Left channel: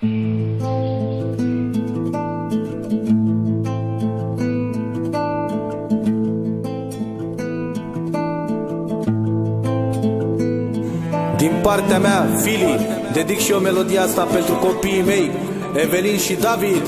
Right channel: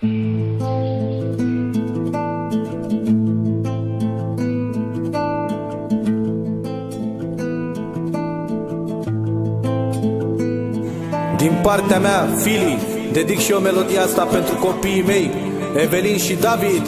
Din partea mea, Fili, dedic și eu melodia asta pentru copiii mei, Evelin și David.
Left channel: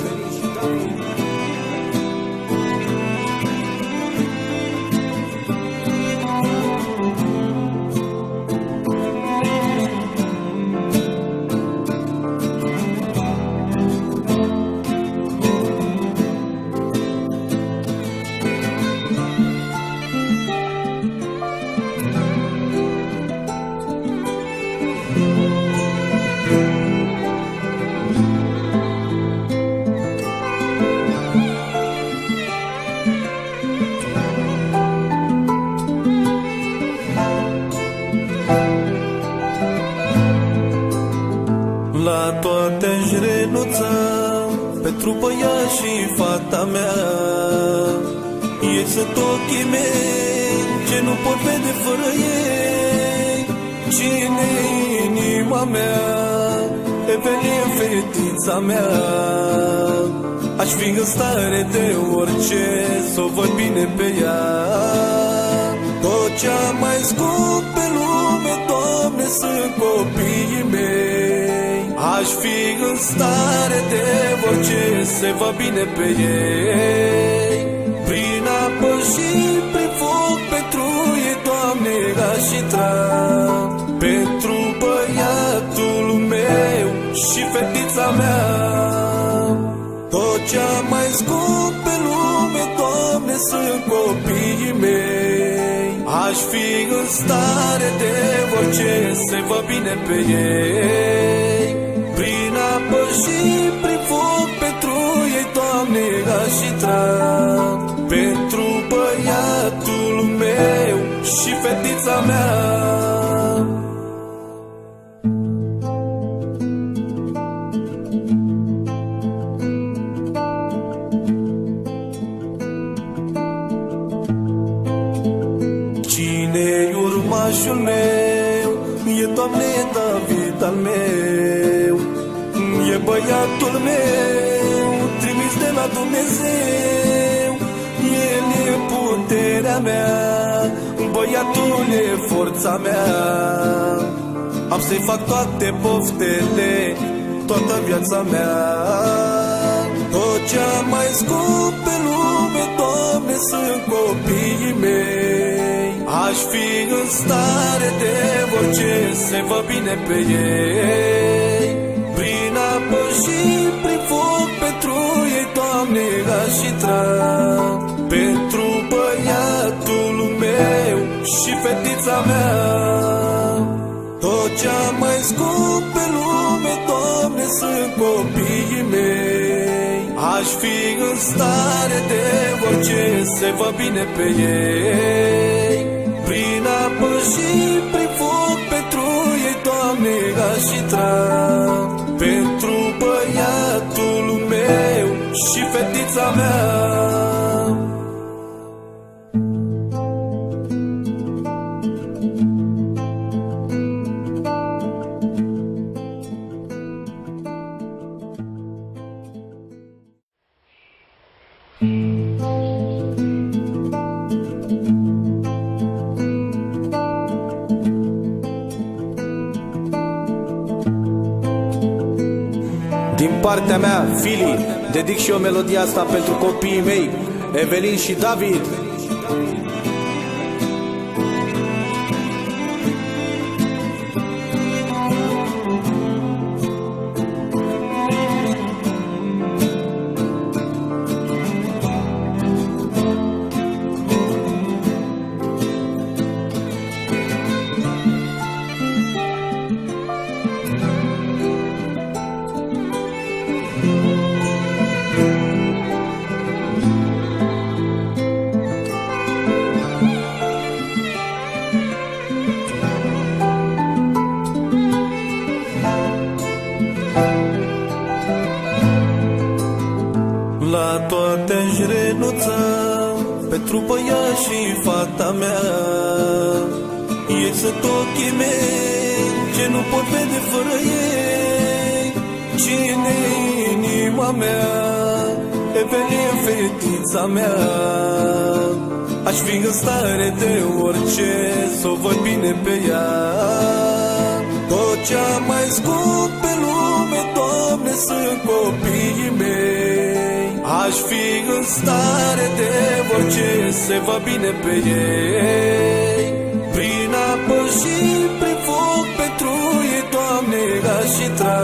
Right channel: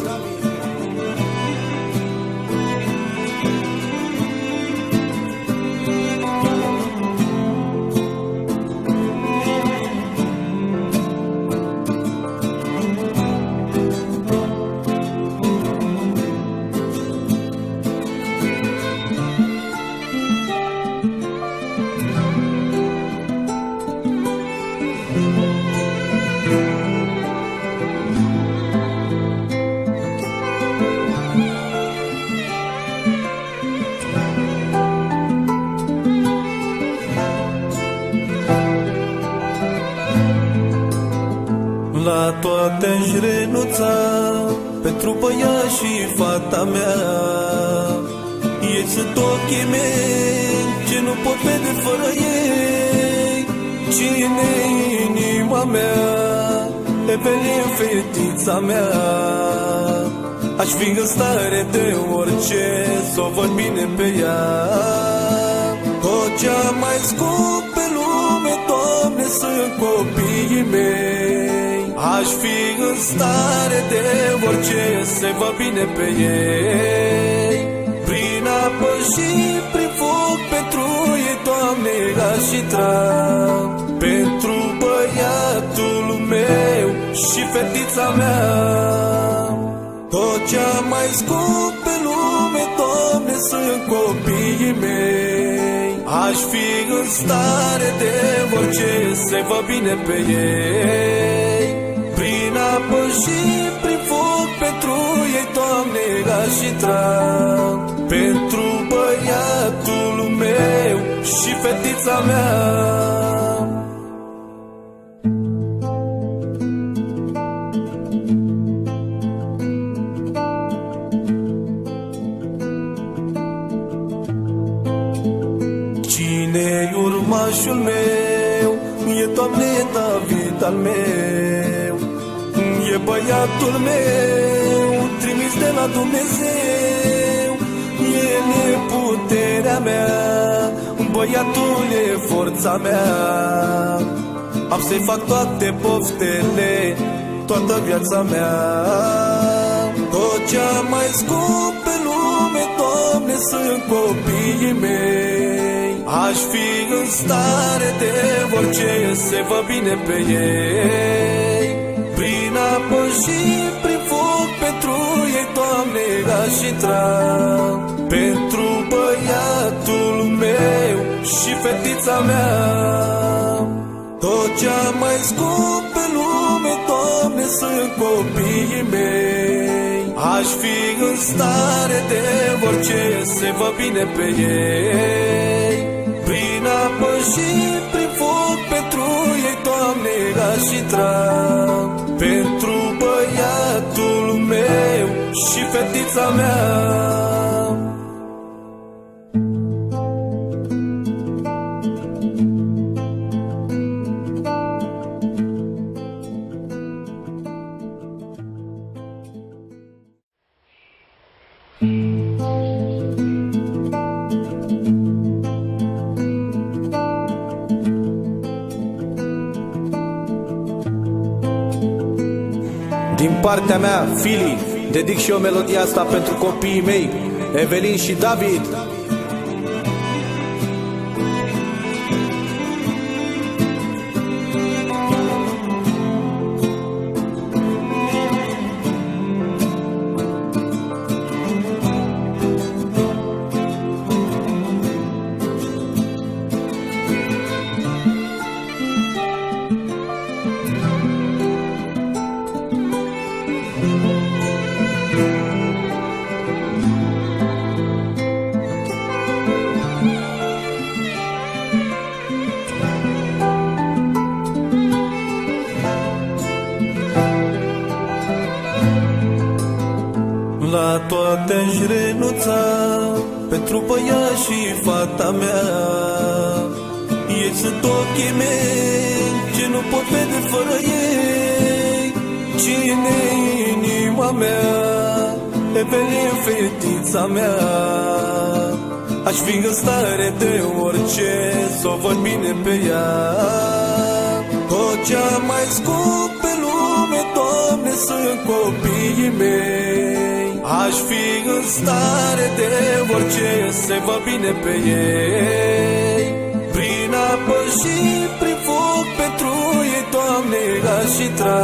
La toate aș renunța pentru băiat și fata mea. Ei sunt ochii mei ce nu pot vede fără ei. Cine-i inima mea? Evelin, fetița mea. Aș fi în stare de orice s-o văd bine pe ea. Tot ce-a mai scump pe lume, Doamne, sunt copiii mei. Aș fi în stare de orice se va bine pe ei. Prin apă și prin foc pentru ei, Doamne, aș intra. Pentru băiatul meu și fetița mea. Tot ce-a mai scump pe lume, Doamne, sunt copiii mei. Aș fi în stare de orice se va bine pe ei. Prin apă și prin foc pentru ei, Doamne, aș intra. Pentru băiatul meu și fetița mea. Cine-i urmașul meu? E, Doamne, David al meu. E băiatul meu, trimis de la Dumnezeu. El e puterea mea, băiatul e forța mea. Am să-i fac toate poftele, toată viața mea. Tot ce-a mai scump pe lume, Doamne, sunt copiii mei. Aș fi în stare de orice se va bine pe ei. Prin apă și prin foc pentru ei, Doamne, aș intra. Pentru băiatul meu și fetița mea. Tot ce-a mai scump pe lume, Doamne, sunt copiii mei. Aș fi în stare de orice se va bine pe ei. Prin apă și prin foc pentru ei, Doamne, aș intra. Pentru băiatul meu și fetița mea. Din partea mea, Fili, dedic și eu melodia asta pentru copiii mei, Evelin și David. La toate aș renunța pentru băiat și fata mea. Ei sunt ochii mei ce nu pot vede fără ei. Cine mea, Evelin, fetița mea. Aș fi în stare de orice să o văd bine pe ea. Tot ce-a mai scump pe lume, Doamne, sunt copiii mei. Aș fi în stare de orice să văd bine pe ei. Prin apă și prin foc pentru ei, Doamne, aș intra.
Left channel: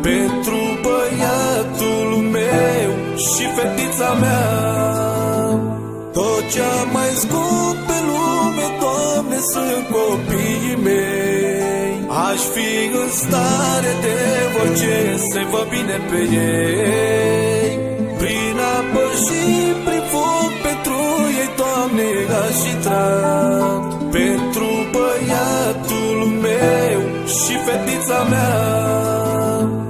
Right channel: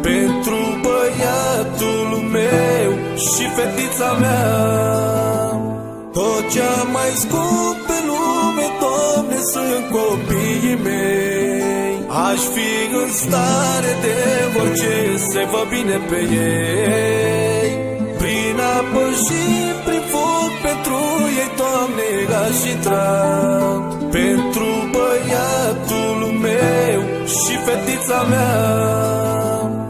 Pentru băiatul meu și fetița mea. Tot ce-a mai scump pe lume, Doamne, sunt copiii mei. Aș fi în stare de orice să văd bine pe ei. Prin apă și prin foc pentru ei, Doamne, aș intra. Pentru băiatul meu și fetița mea.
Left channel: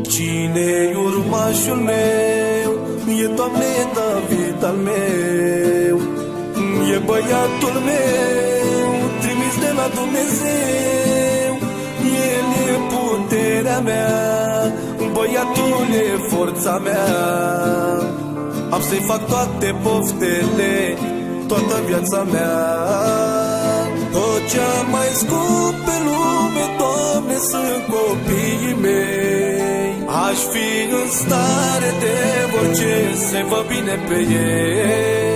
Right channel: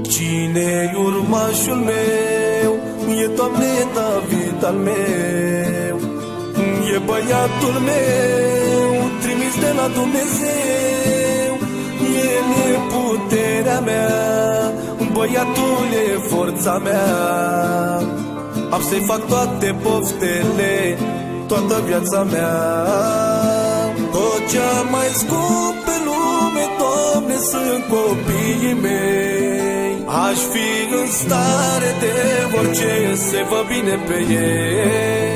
Cine-i urmașul meu? E, Doamne, David al meu. E băiatul meu, trimis de la Dumnezeu. El e puterea mea, băiatul e forța mea. Am să-i fac toate poftele, toată viața mea. Tot ce-a mai scump pe lume, Doamne, sunt copiii mei. Aș fi în stare de orice să văd bine pe ei.